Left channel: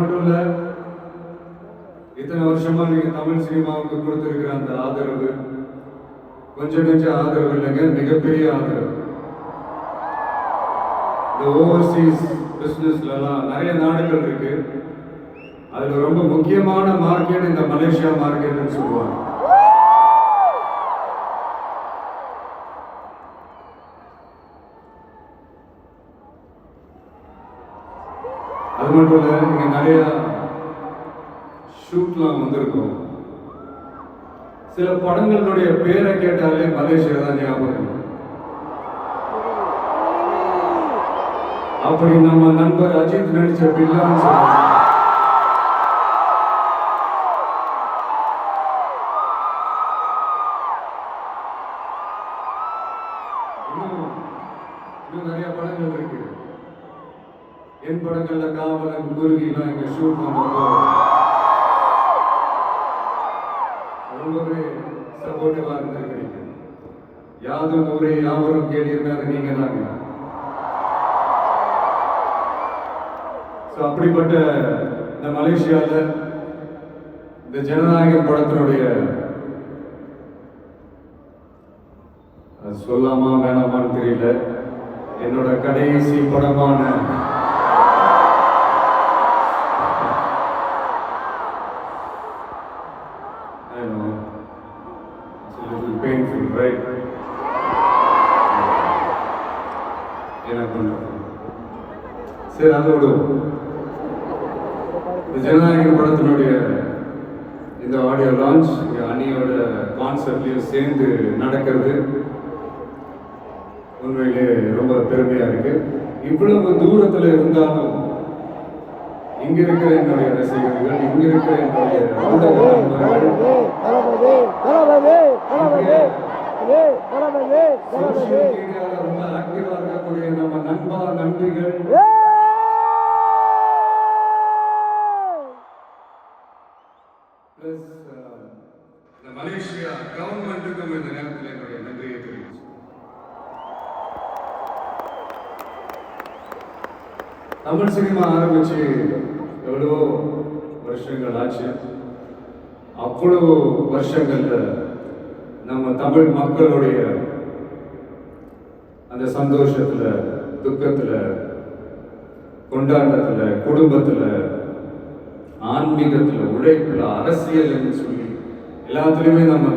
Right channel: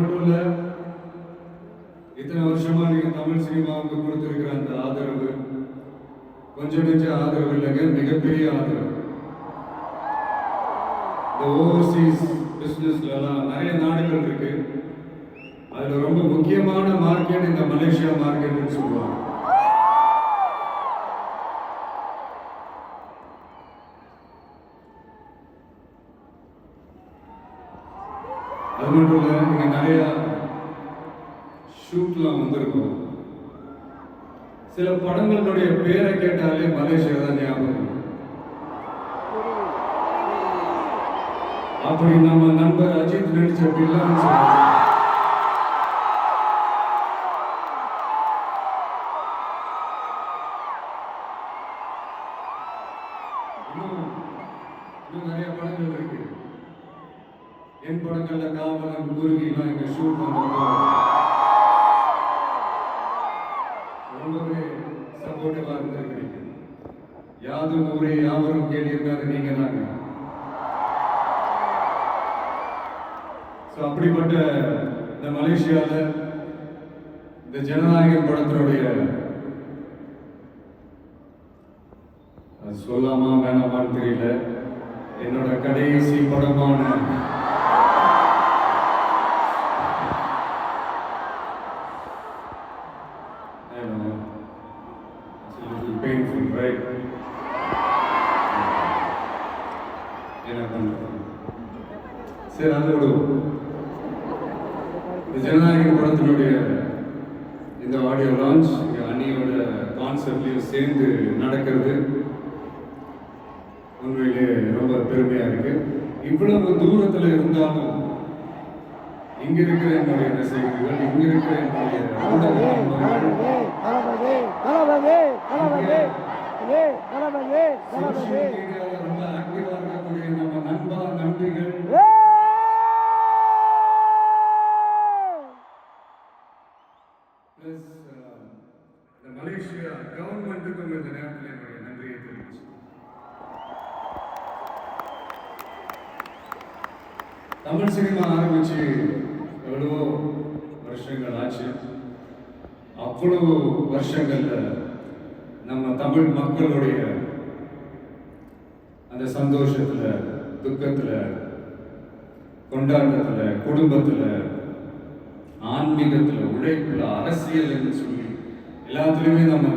மட்டும் இல்ல, இத்தனை வருஷமா நீங்க தமிழ் சினிமாவுக்கு கொடுத்திருக்கிற அந்த ஆதரவு கொஞ்சம் ஆதரவு இல்லைங்க, மிகப்பெரிய ஆதரவு. இந்த ஓவர்சீஸ் பிசினஸ்லாம் நிறைய நாடுகள் இருக்கு. அதுல ரொம்ப முக்கியமான மார்க்கெட் இந்த மலேசியா மார்க்கெட்னு சொல்லுவாங்க. அது மட்டும் இல்ல, இங்க நிறைய ஷூட்லாம் வந்திருக்கும். சில படங்களுடைய பேரை கேட்டாலே மலேசியா தான் ஞாபகம். அப்படி நம்ம நண்பர் அஜித் நடிச்ச பில்லான்னு சொல்லுவாங்க. இன்னும் நிறைய படங்கள் இருக்கு. என் படங்கள்ல காவலன், குருவிலாம் எங்க ஷூட் வந்தப்போ ரொம்பவே சப்போர்ட்டிவா இருந்திருக்கிறீங்க. யாதும் ஊரே யாவரும் கேள்வியிருந்தா அது நீங்க தாங்க. அப்படிப்பட்ட இந்த மலேசியால இந்த ஜனநாயகம் படத்தினுடைய சொல்லாமா வேணாமான்னு தெரியல, என்னோட கடைசி படமான painful, right? என்ன பண்றது? சரி, அதோடு இந்த ஜனநாயக படத்தினுடைய இந்த ஆடியோ லான்ச் அணியோட கான்செப்ட்லையும் சேர்ந்து நடக்கிறது உண்மையிலே ரொம்ப பெருமையா இருக்கு. இவ்வளவு தூரத்துல இருந்தாலும் இங்க இருக்கிற என்னுடைய ரசிகர்கள், இங்க இருக்கிற என்னுடைய ஊடக நண்பர்கள், சோசியல் மீடியால ரொம்ப ஆக்டிவா இருக்கக்கூடிய நம்ம நண்பா நன்றிகள், பிளஸ் இந்த மலேசியா கவர்மெண்ட்டுக்கும் இந்த நேரத்தில் என்னுடைய நன்றியை தெரிவிச்சு. தமிழ் சினிமா ஆரம்பிச்சு எவ்வளவோ வருஷங்கள் ஆச்சு. அவ்வளவு வருஷங்கள்ல நம்ம தமிழ் மக்களுடைய அந்த சந்தோஷத்துல, துக்கத்துல, கொண்டாட்டத்துல, குடும்பத்துல, ஆன்மீகத்துல, உழைப்புல, அரசியல் சொல்லி எல்லாத்துலயுமே நம்ம